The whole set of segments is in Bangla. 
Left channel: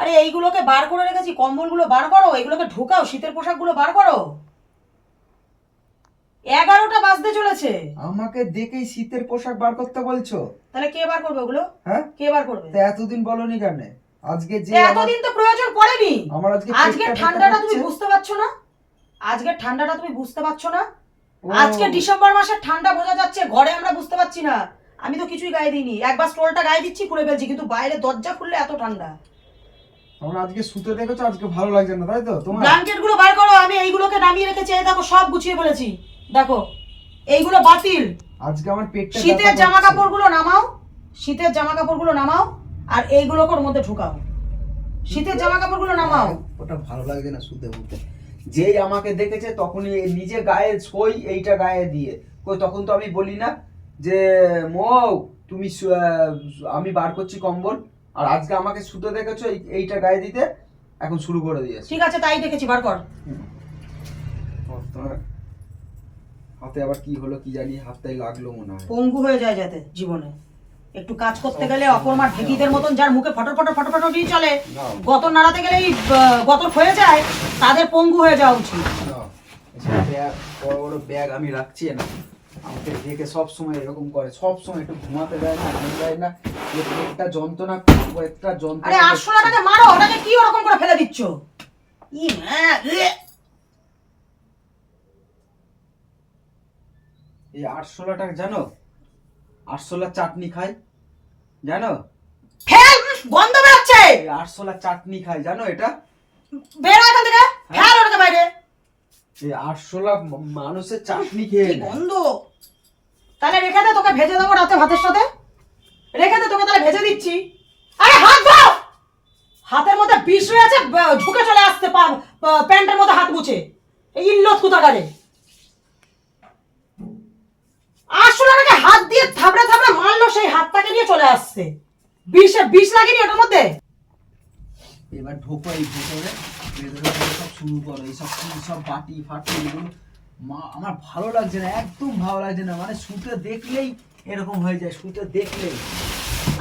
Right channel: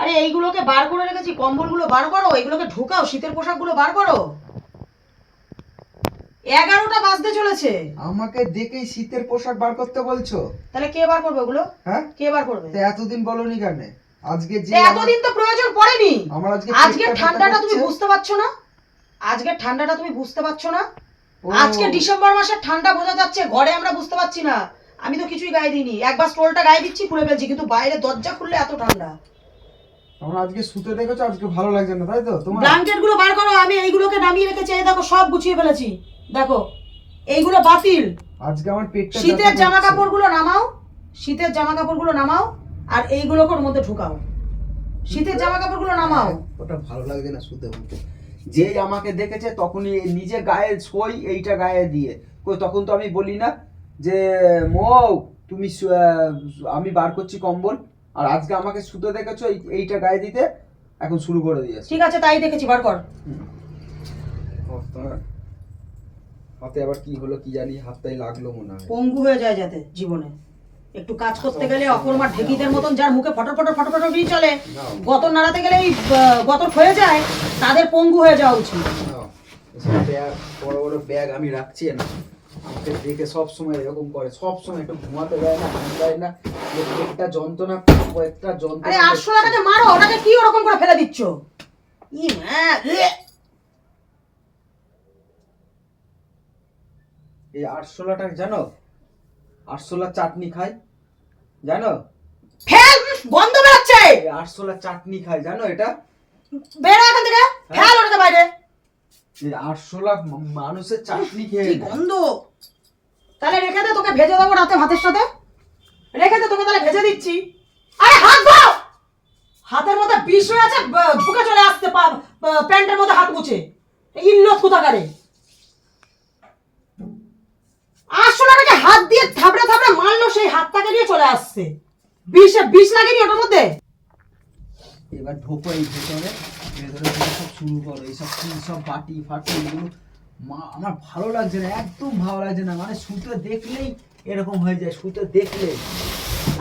আরে এইগুলোকে বার করে রেখেছি কম্বলগুলো বার করো এগুলোকে ঢোকাও শীতের পোশাকগুলো বার করো। এগারোটা বাজতে চলেছে। আমাকে দেখেই শীতের পোশাক বার করতে বলছো? তাহলে কে বার করবে ওগুলো? হ্যাঁ? কে বার করবে? তা এতদিন বলনি কেন? আজকে যে এতদিন তো প্রয়োজন পড়েনি। আমার আজকে আজকে ঠান্ডাটা তুমি বুঝতে পারছ না? আজকের ঠান্ডাটা তুমি বুঝতে পারছ না? আজকে ডিসেম্বর মাসের ঠান্ডা বোঝা যাচ্ছে ঘরে আমরা বুঝতে পারছি না। আমি তো কিছুই গায়ে দিইনি। একবার স্টোলটা গায়ে দিচ্ছি খুলে ফেলছি কিন্তু বাইরে দরজা খুললে এত ঠান্ডা। তোমরা আজকে শুতে দেখেছ আজকে ভালো লাগছে না তাই তো? তোমার ব্ল্যাঙ্কেটগুলো বার করো আমি এইগুলোকে নামিয়ে রেখেছি এই দেখো সব গুছিয়ে ফেলেছি। দেখো এইগুলো বাতিল। আজকে আমার পেটটা শীতের জামা কাপড়গুলো নামাও শীতের জামা কাপড়গুলো নামাও আর মধ্যে ঢুকাও। শীতের জামা কাপড়গুলো নামাও। ওটা ভালো লাগছে না শুতে যেই আমাকে দেখেছে তখনই নিজে গায়ে সই এইটা গায়ে দিয়ে। কই তখন তো আমি বলি না যে মৌ তুমি আহ, আমি বার করছি কম্বল। আর আজকে আমাকে শুতে দেখেছ এইটা গায়ে দিতে এখন শুরু করে দিয়েছে। ঠিক আছে তাই দেখেছি বার কর। হাতে আবার কি হলো কি জানি হাতটাই লাগল মনে হয়। পঙ্গু হয়ে যায় যাতে জীবনে। একটু কাজ করতে গেলে অকর্মার ঢেকিদের মতন যার মুখে ফটর ফটর ফটর ফটর দিয়ে চলে গতর নাড়াতে গেলে এই গতর হয়ে যায় তাদের পঙ্গু হয়ে যাওয়া উচিত। বড় বড় ব্যাগ আমি রাখছি না। আমাকে দেখে সব সময় এরকম করে সব সময় একটু ঘুমাতে দেয় না ঘুম দেয় না। একটা যন্ত্রণা আরে যন্ত্রণা আটশো টাকাকে মারো ওটাকে কি ওরকম করে ফেলে দিচ্ছ? ই মা, এই আটশোলাটা জানো? আটশোলা চাটনি খাই জানো? ফেল গন্ধ বেরোচ্ছে। এই চাটনি খাই জানো এটা? বেরো এখান থেকে ফেল ওটাকে বাইরে। এই আটশোলা ম- মানুষের চাটনি খেয়ে কি গন্ধ? তাহলে রেখে দে তোকে ভেজে দেবো রাতে ভাতের সাথে। রেখে দে তোকে তাহলে ভেজে দিচ্ছি। আরে হাত বাও হাতের মধ্যে বিষ রয়েছে ঢুকে চলে আসতে পা- পা- প্যান্টের মধ্যে হাত মুছে। এই ইল্লত কোথাকারে? আসলে ওটাকে হাত দিয়ে থাবড়ে থাবড়ে মারলো সেই হাতটাকে নিয়ে চলে আসছে। বিষে বিষ লাগেনি ওটার মধ্যে? এবার ঢোকো এই ভেতরে। সব শুরু করো এইসব সব বাটি ফাটি এগুলো মা আমার ভালো লাগছে না একদম ভালো লাগছে না মানে শুতে দেখলেই এরকম হয়ে যায় শুতে দেখলেই।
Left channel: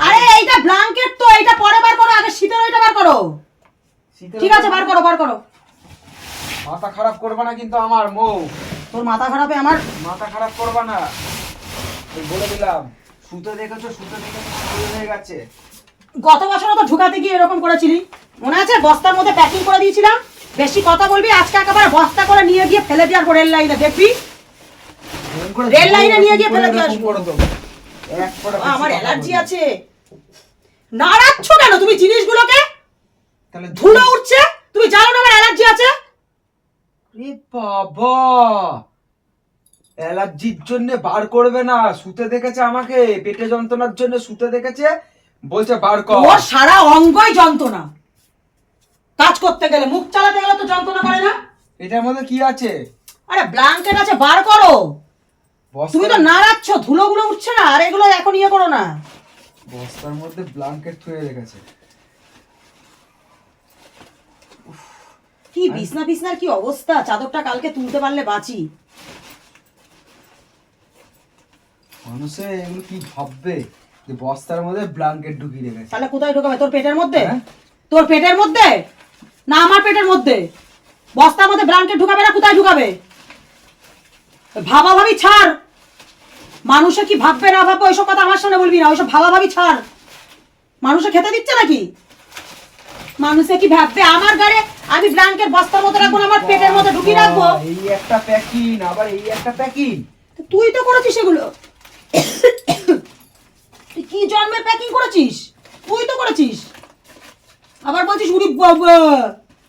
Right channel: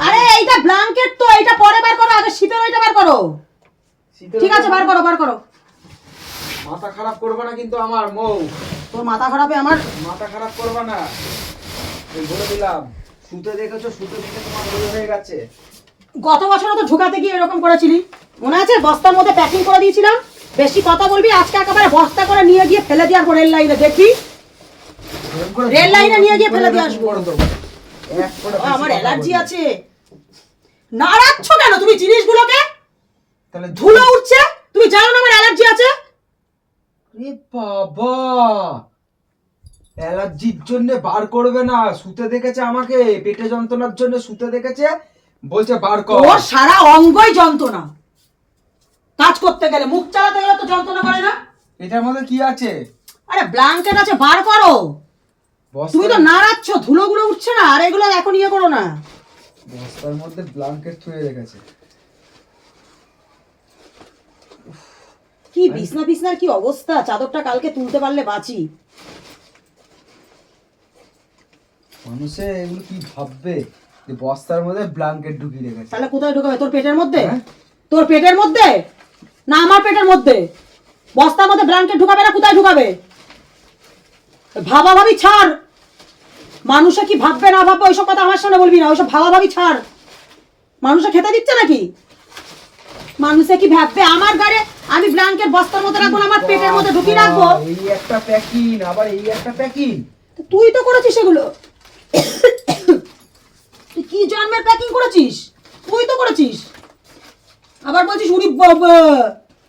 আরে এইটা ব্ল্যাঙ্কেট তো এইটা পরে বার করো আগে শীতের ওইটা বার করো। ঠিক আছে বার করো বার করো। মাথা খারাপ করবে না কিন্তু আমার মৌ তোর মাথা খারাপে আমার? মাথা খারাপ করবে না। বলে দিলাম শুতে দেখেছ শুতে দেখে তোমার হয়ে গেছে। গত বছরও তো ঢুকাতে গিয়ে এরকম করেছিলি। মনে আছে? বস্তার মধ্যে প্যাকিং করে দিয়েছিলাম। বেশি কথা বলবি আজকে একেবারে বস্তা করে নিয়ে গিয়ে ফেলে দিয়ে আসব রেল লাইনে দেখবি? রেল লাইনে নিয়ে গিয়ে ফেলে দিয়ে আসব। আমার অ্যালার্জি। আছে। নাড়াচ্ছ কেন? তুমি জিনিসগুলোকে তাহলে ধুলো উঠছে। তুমি জানো না আমার অ্যালার্জি আছে? বাবা! অ্যালার্জির জন্য বার করবে না। শুতে দেখেছে আমাকে পেটে যন্ত্রণার জন্য শুতে দেখেছে। বলছে বার কর। ওর সারা অঙ্গই যন্ত্রণা। কাজ করতে গেলে মুখ চালাতে গেলে তো যন্ত্রণা করে না। এটার মধ্যে কি আছে? আরে ব্ল্যাঙ্কেট আছে বার করো। তুমি তো নাড়াচ্ছ ধুলোগুলো উঠছে না আর এগুলো এখন ইয়ে করো না। বস্তার মধ্যে ব্ল্যাঙ্কেট থুয়ে রেখেছে। কি বিছনা বিছনার কি অবস্থা? চাদরটা কালকে তুলতে পারলে বাঁচি। মানুষে এগুলো কি ভাববে? বস্তার মধ্যে ব্ল্যাঙ্কেট ঢুকিয়ে রেখেছে। তাহলে কোথায় ঢোকাবে? তোর পেটের মধ্যে? হ্যাঁ। তোর পেটের মধ্যে? না আমার পেটের মধ্যে? বস্তার মধ্যে ব্ল্যাঙ্কেট ঢুকাবে না কোথায় ঢুকাবে? ভাবা ভাবি ছাড়। মানুষে কি ভাববে না ভাববে ওইসব কথা আমার সামনে বলবি না ওইসব ভাবা ভাবি ছাড়। মানুষে খেতে দিচ্ছে নাকি? মানুষে কি ভাববে আমার গাড়ি আমি ব্ল্যাঙ্কেট বস্তার মধ্যে রাখব আমার পেটের মধ্যে ঢুকিয়ে রাখব? এই একটা প্যাকিং আবার এই একটা প্যাকিং তুই তো করেছিস এগুলো। তুই কি জন্মের প্যাকিং করেছিস? তুই তো করেছিস। আবার বলছিস উড়ি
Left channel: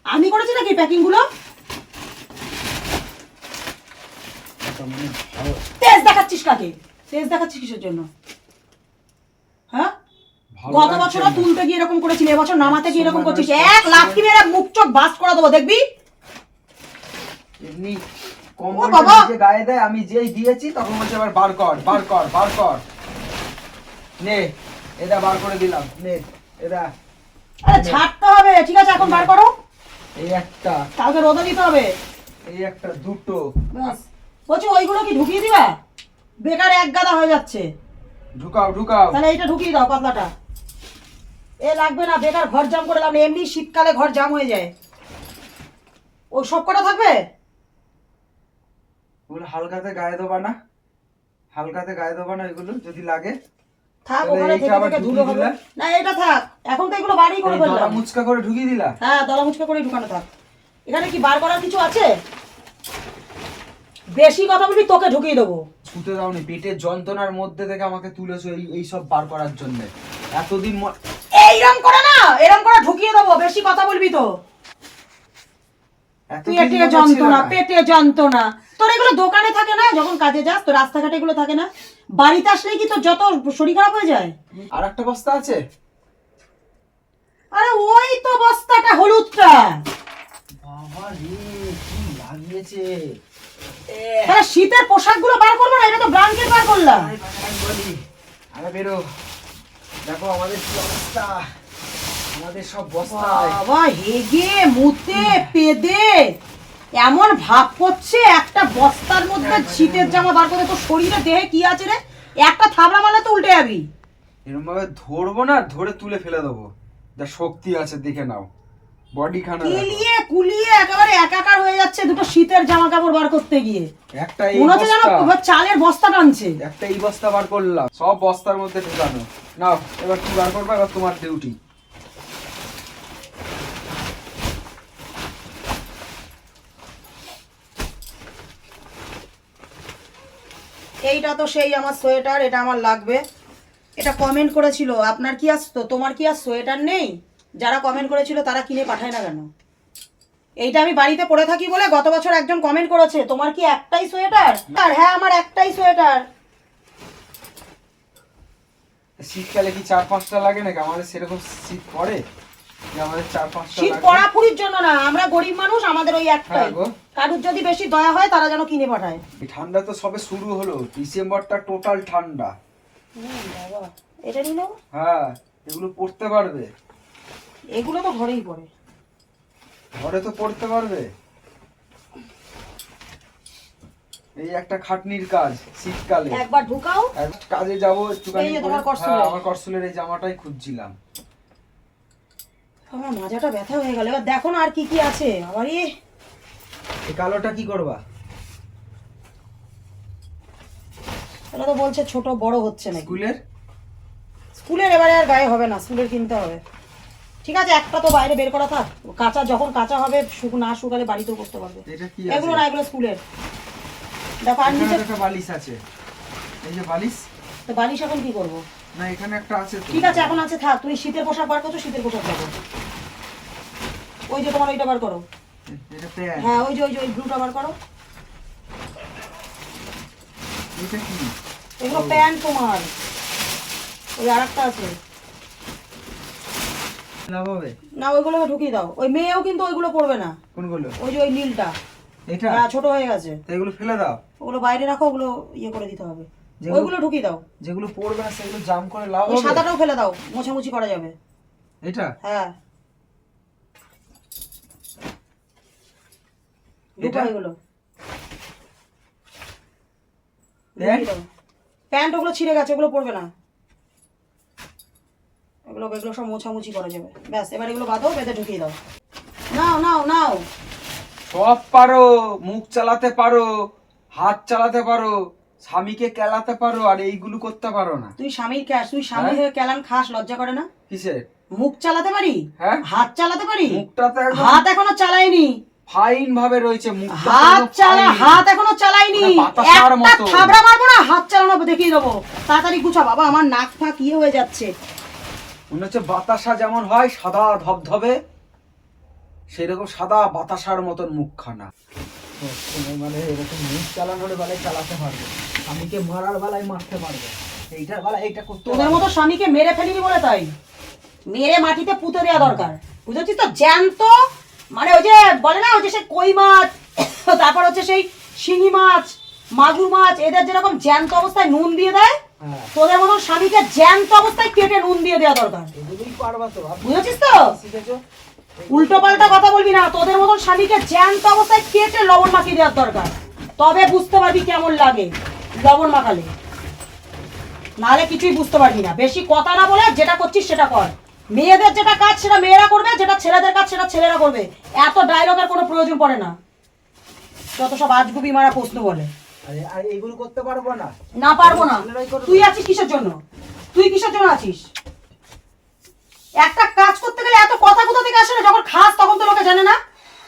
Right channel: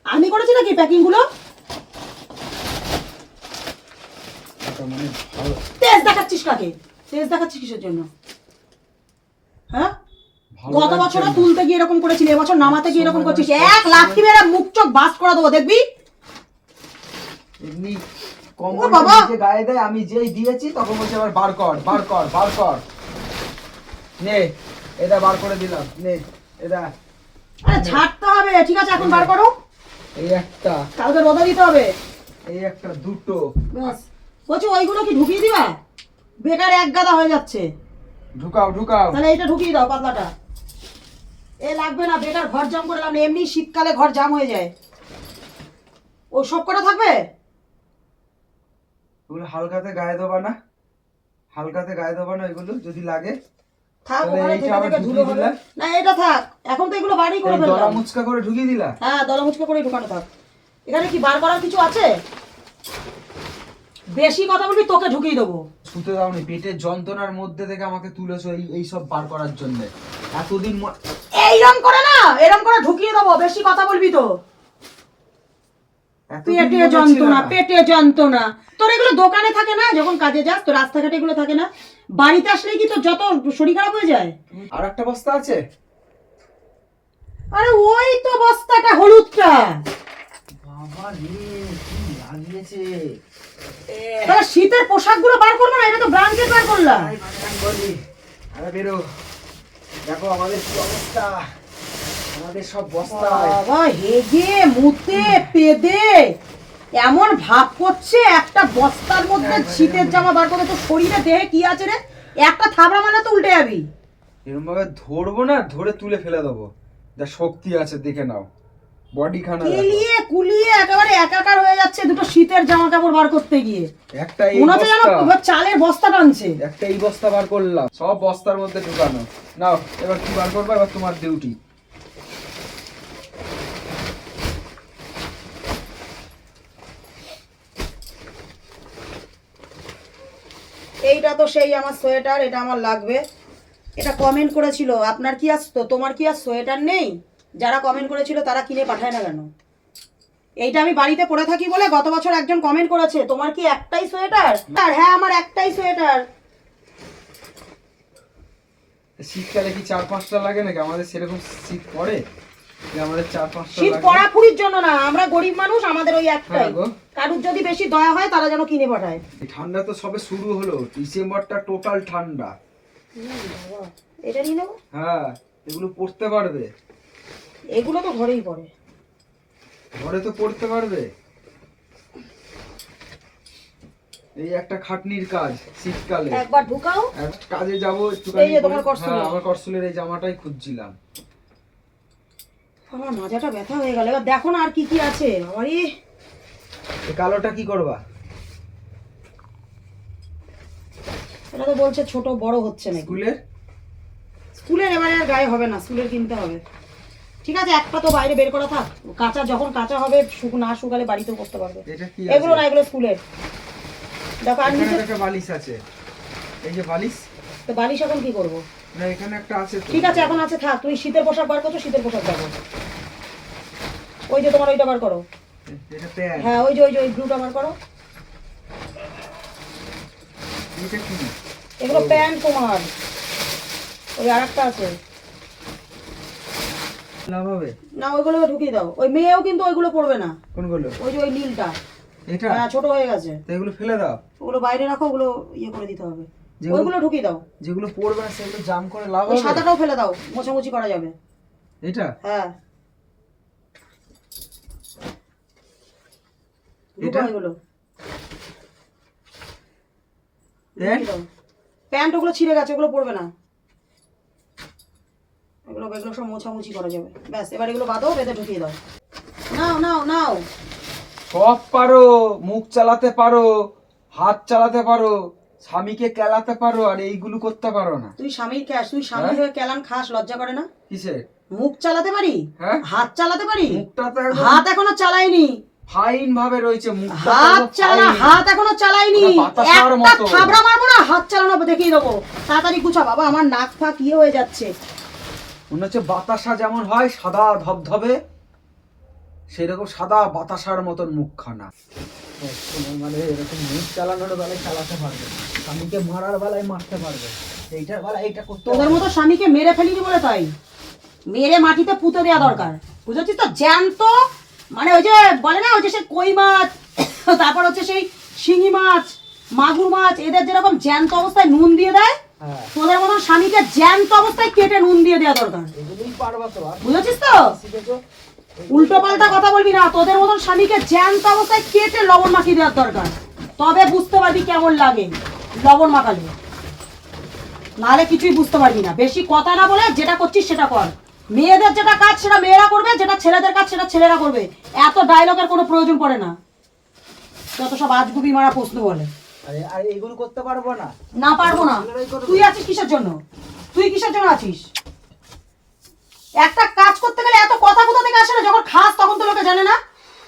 আমি করেছি নাকি প্যাকিংগুলো? মানে তেজ দেখাচ্ছিস কাকে? তেজ দেখাচ্ছিস কিসের জন্য? হ্যাঁ? গত বছর তুলতে গিয়ে এরকম করেছিলি এবছর নামাতে গিয়ে এরকম করছিস। এক লাঠি মেরে মুখ চোখ বাস করে দেবো দেখবি? এমনি! নিজে গায়ে দেয় আমি যেই দিয়েছি তখন বলছে আবার বার কর বার কর বার কর। নে এটা বার করে দিলাম নে এটা। আরে ছাড়তে হবে ঠিক আছে এখন বার করো। এই একটা। কালকে রোদও দিতে হবে। এই একটা দুটো। ব্যাস। বলছি ওইগুলো কি ঢুকিয়ে দিবা? বেকার এক গাদা হয়ে যাচ্ছে। ঢুকাও ঢুকাও। তাহলে এটা ঢুকিয়ে দাও পাতলাটা এ লাগবে না বেকার ঘর জাম করে লাভ এমনি শীতকালে ঘর জাম হয়ে যায়। ও সব কটা থাকবে? এগুলো হালকাতে গায়ে দেবা না। হালকাতে গায়ে দেবা না এগুলো যদি লাগে। থাক ওখানে থেকে থেকে ধুলো হবে। না এটা থাক। এখন তো এগুলো বাড়ি করে এই দলা মুচকা করে ঢুকিয়ে দিলা? হ্যাঁ দলা মুচকা করে ঢুকানো থাক। এখানে কি বার করার কিছু আছে? বেশি কথা বলবি তোকে ঢুকিয়ে দেবো। শুতে দাওনি পেটের যন্ত্রণার মধ্যে থেকে আমাকে তুলেছো এই এই সব বার করার জন্য। এতদিন এইরকম করে না এরকম করে ঢুকিয়ে দেবো বেশি কথা বলবি তো। পেটে যন্ত্রণা। পেটে যন্ত্রণা। তোর এগুলো দোকানে থাকে না? যখন কাজে যাস তো রাস্তাঘাটে এগুলো থাকে না? বাড়িতে আসলেই কি তোর যত শরীর খারাপ হয়ে যায়? আর একটা বস্তা আছে। আরে ওই তো বস্তাটা হলুদটা। বাবা রে কি লাগিয়েছে? তাহলে শীতের পোশাকগুলো বার করব না এটা তো ব্রান্ডেড বার করলাম। আরে বেরো। দেখো আমাদের কি অবস্থা। আমাদের সব বস্তায়। বাবা হেগে মুতে পেদে। এমন ভাব করছে একটা বস্তার মধ্যে শীতের জামা বার করে তোর শরীরে দেহে কি আছে রে? একটা থাবড়া মারলে তো উল্টে যাবি। এরকম ভাবে ধরবো না ধরে তুলে ফেলে দেবো। যা শক্তি আছে দেখে নাও। বডি খানা। কেলিয়ে কুলিয়ে একেবারে একাকার হয়ে যাচ্ছে দুটো শীতের জামা কাপড় বার করতে গিয়ে। একটা এই মনে হচ্ছে যেন চালের বস্তা টানছে। একটা এই বস্তা বার করলাম। সব বস্তার মধ্যে ঢুকানো। নাও এবার কি বার করবে? এবার তোমার ডিউটি এইটা তো সেই আমার সোয়েটার, এটা আমার লাগবে। এটা কমেন্ট করেছিল, আপনার কি আসতো তোমার কি আর সোয়েটার নেই? যারা কমেন্ট করেছিল তারা কিনে পাঠায় না কেন? এইটা আমি বাড়িতে পরে থাকি বলে গত বছর একজন কমেন্ট করেছে, তোমার কি একটাই সোয়েটার? আর হ্যাঁ আমার একটাই সোয়েটার। শীতকালে কি চার পাঁচটা লাগে নাকি? আমাদের সেরকম শীত পড়ে? শীত পড়াপুরির জন্য না আমরা গরিব মানুষ আমাদের ওই একটাই। হ্যাঁ কারুর যদি বেশি দয়া হয় তারা যেন কিনে পাঠায়। ঠান্ডা তো সবে শুরু হলো ডিসেম্বরটা টোটাল ঠান্ডা। এটা নিয়ে নেব? হ্যাঁ এগুলো পড়তে পারবে। এগুলো তো ঘরেই পড়ে। ঘরে তো পড়তে পারবে। এই একটা খাটনির কাজ শীতকালে। একবার ঢুকাও। কাজে যাব একটু করসুলের। আমার করসুলের এই জামাটাই খুঁজছিলাম। আমার মাজাটা ব্যথা হয়ে গেল। এবার দেখো না আর কি কি আছে। ইয়ে এই কালোটা কি করবা? এটা তো বলছে ছোট বড় হচ্ছে না স্কুলের? স্কুলের এবারে আর গায়ে হবে না স্কুলের কিনতে হবে। ঠিক আছে একটা তো বাইরে বের করা থাক। কাঁচা যখন কাঁচা হবে শুকো না শুকালে বাড়িতেও করতে পারবে। এটা কি এগুলো না এগুলো স্কুলের। দেখো আর নিচে একটা বালিশ আছে। এই যে বালিশ? তো বালিশ এখন কি করব? না এখানে একটা আছে ঠিক আছে এখন আছে থাক। তুমি শীতের পোশাক বার করছ শীতের পোশাক দেখো ওই যে তোমার ওইটা বার করো। হ্যাঁ ওই যে ওই যে ওই ব্লুটা বার করো। এটা কি? এগুলো প্যান্ট তোমার। ওই আর একটা আছে। না ওইগুলো ঢুকিয়ে দাও। ওই মেয়েও কিন্তু ওইগুলো পড়বে না। কোনগুলো? ওই যে ওই নীলটা। এটা? হ্যাঁ ছোট হয়ে গেছে। তো এগুলো ফেলে দাও। ওগুলো বাইরে রাখো ওগুলো ইয়ে করে দিতে হবে। ওইগুলো ঢুকিয়ে দাও। যেগুলো পড়বে না সেগুলো জাম করে লাভ হবে? সাদাটাও ফেলে দাও মুছামুছি করা যাবে। এটা হ্যাঁ। এটা? এগুলো। প্যান্ট? প্যান্ট ওগুলো ছিঁড়ে গেছে ওগুলো পড়বে না। এগুলো এগুলো সব মোছামুছি করা যাবে। ব্যাস এবার এগুলো বাঁধো বেঁধে ঢুকিয়ে দাও। নাও নাও নাও। সব পারো মুখ চালাতে পারো হাত চালাতে পারো। স্বামীকে কেলাতে পারো আর এইগুলো করতে পারো না। তুই স্বামীর ক্যাশ তুই স্বামী হ্যাঁ? হয়ে? কেলান খাস লজ্জা করে না? কিসের মুখ চালাতে পারি? হ্যাঁ? হাত চালাতে পারি? হাত এখনও চালাইনি। ফাইন ভাবে রয়েছে হাত চালা হাত এখনও চালাইনি। একটা থাবড়া মারবো না হাত চালানো দেখিয়ে দেবো। তাড়াতাড়ি গুছা বাবা আমার নাক ফাঁক ইয়ে হয়ে যাচ্ছে। মনে হচ্ছে বাতাসা যেমন হয় সাদা ধবধবে সেরকম সাদা বাতাসার মতন মুখখানা। মানে এরকম মুখ চালানোর বেলায় চালাতে পারবে। স্বামীকে মারার বেলায় মারতে পারবে। এইটার বেলায় এইটা করতে তোদের মতো স্বামীকে মেরে ফেলিনি বলে তাই? মেরে মাটিতে পুঁতে দেওয়া দরকার। বুঝেছিস তো? জ্যান্ত মানে ওই যে বলে না ওই যে সে কই মাছ তারপর হচ্ছে সেই শিঙি মাছ মাগুর মাছ এদের যেরকম জ্যান্ত অবস্থায় নুন দিয়ে দেয় হ্যাঁ। তোদের মতন স্বামীকে জ্যান্ত অবস্থায় কেটে নুন দিয়ে দেওয়া দরকার। বুঝেছিস তো? উল্টো পাল্টা কথা বলবি না। তোদের মতন স্বামীকে জ্যান্ত অবস্থায় কেটে লবণ মাখিয়ে দেওয়ার দরকার। তবে বুঝতে পারবি কেমন লাগে লবণ মাখালে। নাহলে কিছুই বুঝতে পারবি না। বেশি কথা না বলে যেটা করছিস সেটা কর। মেয়েদের যেটা কাজ সেটা মেয়েরা করবে যেটা ছেলেদের কাজ সেটা ছেলেরা করবে। এত ডায়লগের কোনো প্রয়োজন পড়ে না। যত সব আজগুবি মারা প্রশ্ন বলে। আরে এইগুলো করতে পারব না। না পারব না। তুই আছিস কিসের জন্য? তুই কিসের জন্য আছিস? একটা কাজ করতে গেলে এত কথা কোথা থেকে আসে না যখন খাস তখন তো লোকে জানে না।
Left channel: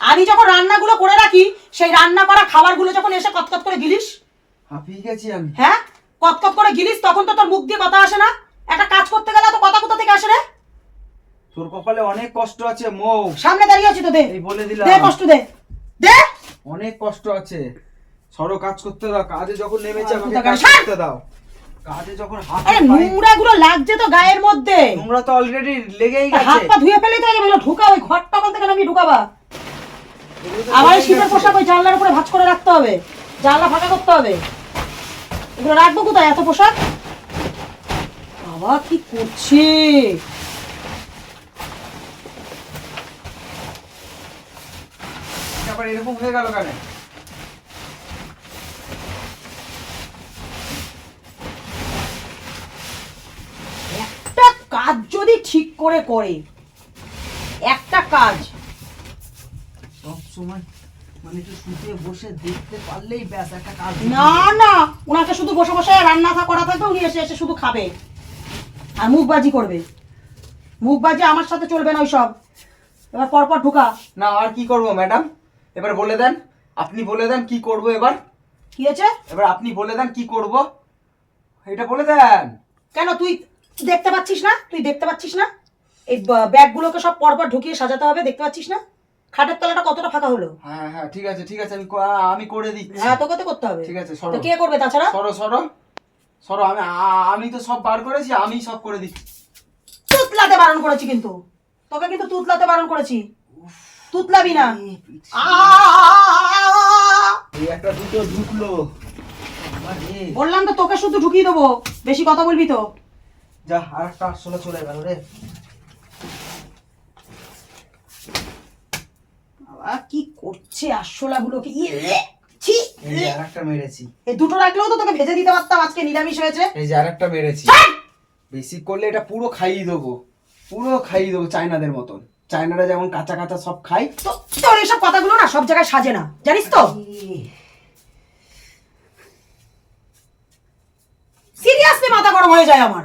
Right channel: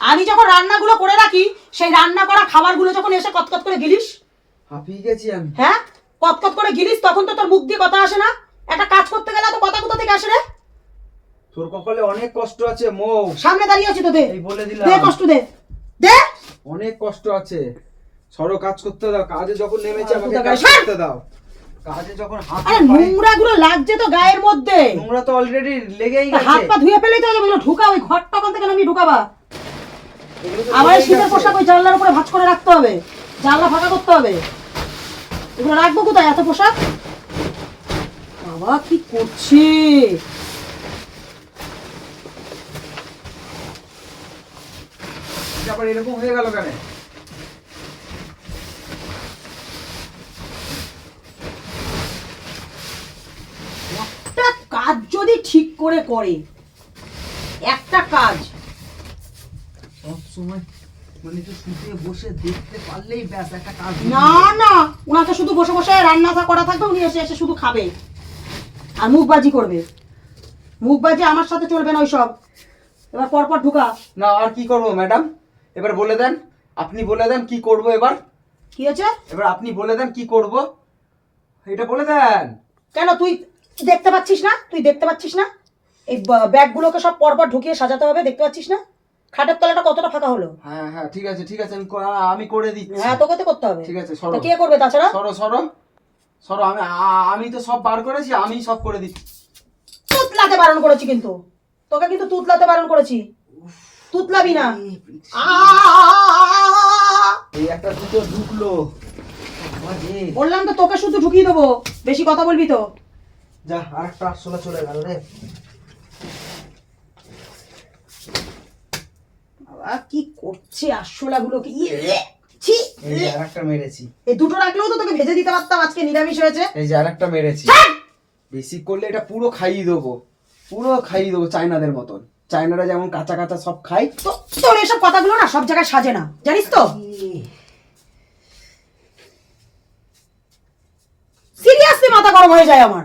আমি যখন রান্নাগুলো করে রাখি সেই রান্না করা খাবারগুলো যখন এসে কতকত করে গিলিস। হাঁপিয়ে গেছি আমি। হ্যাঁ? কতকত করে গিলিস তখন তো তোর মুখ দিয়ে কথা আসে না। একটা কাজ করতে গেলে এত কথা কোথা থেকে আসে রে? তোর কপালে অনেক কষ্ট আছে মৌ। সামনে দাঁড়িয়ে আছি তো দে। এই বলে দিলাম। দে কষ্ট দে। দে। অনেক কষ্ট আছে। সরো কাজ করতে দাও। কাজে যখন নেমেছে আমাকে কাজ করতে দাও। কাজে যখন হাত আরে নোংরা লাগছে তো গায়ের মধ্যে। নোংরা তো অলরেডি লেগেই হাত পা ধুয়ে ফেলে তো এগুলো ঢুকা ওই ঘরটা ওখান থেকে আমি ঢুকাবা? আবার শীতের পোশাক ওই জানলার উপরে ভাঁজ করে রাখতে হবে। জানলা ফাঁকা করতে হবে। এগুলো রাখব কোথায়? এত পোশাক? বাবা কি করছে? আবার এরকম হয়ে গেল কেন একটা কাজ যদি ঠিক করে একটা কাজ। সব সময় মানে একটু শুতে বসে দেখতে পারলেই ব্যাস একটা কাজ না না ওনাকে শুধু বসে বসে রান্না থা- করা থাকবে উনি এসে এসে শুধু খাবে। আর মুখবাজি করবে। মুখবাজি আমার সাথে চলবে না ওইসব। এবার পরপর ঢুকা। না আর কি করব ম্যাডাম? এবার বলে দেন। আপনি বলে দেন কি করব এবার? কি আছে এবার আপনি বলে দেন কি করব। এটা বলে দেন। কেন তুই দেখতে পাচ্ছিস না? তুই দেখতে পাচ্ছিস না? এই ব্যাগগুলোকে সব পরপর ঢুকিয়ে সাজাতে হবে দেখতে পাচ্ছিস না? খাটের তলাটা কতটা ফাঁকা হলো? হ্যাঁ হ্যাঁ ঠিক আছে ঠিক আছে আমি আমি করে দিচ্ছি। হ্যাঁ তোকে তো করতে হবে। ঠিক আছে সরো। কে করবে তাছাড়া? সরো সরো। সরো আমি আমি তো সব বার করেছি আমি সব করে দিচ্ছি। তুতলাতে বারণ করেছি কিন্তু। তোকে কিন্তু তুতলাতে বারণ করেছি। তুতলাবি না! এই একটা দুটো ঢুকলো। বললাম তো তোকে শুধু ঢুকিয়ে দেবো। বেশি কথা বলবি তো। যা আর একটা আটশোলা চলে গেল রে। বাবা কি করছে গুলোকে ইয়ে ছি এই যে আর মেরেছি। এই দুটো রাখলেও তো তোকে ভেজে দিতে পারতাম আজকে নিরামিষ হয়েছে। এই যে আর একটা মেরেছি বেশি করলে এটা পুরো খাইয়ে দেবো। পুরো খাইয়ে দেবো চায়নাদের মতন। চায়নারা যেমন কাঁচা কাঁচা সব খাই তো তোর এইসব কথাগুলো না সব জায়গায় সাজে না। জানিস তো? সিরিয়াসলি মাথা গরম হয়ে যায় আমার।